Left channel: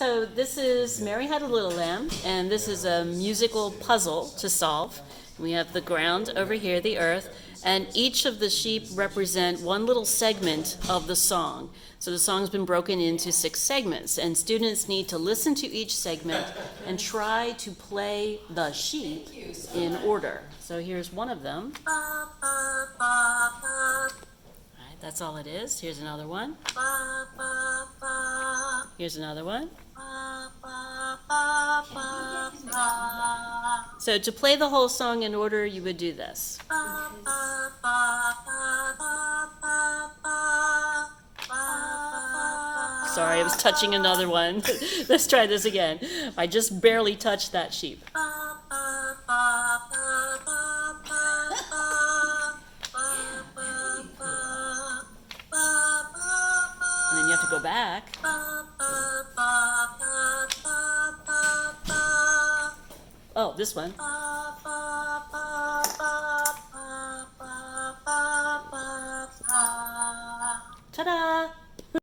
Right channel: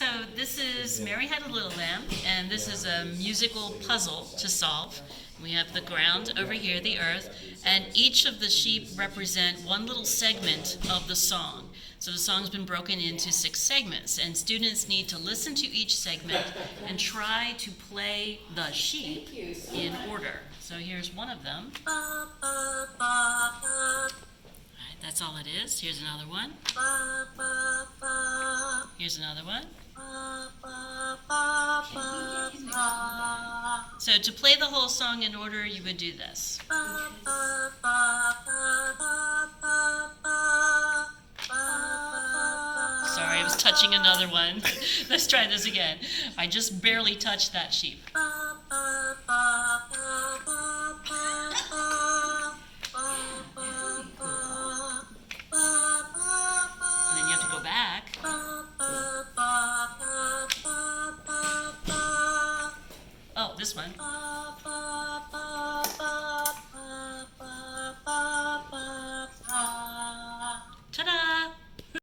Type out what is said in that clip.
So this is Mary Had a Little Lamb, and this is a musical puzzle to solve. We have the ground over here, the earth, and each of the sheep represent one little segment of the song. So the song's been broken into 6 segments, and students need to listen to each segment and try to play the sheep in order. So here's one of them. That's all it is. Here's another one. Here's another one. So to play the whole song in order, you would do this. Sorry, I was touching another one. Let's try this again. I just barely touched that sheep. And then you have to go back. Oh, this one.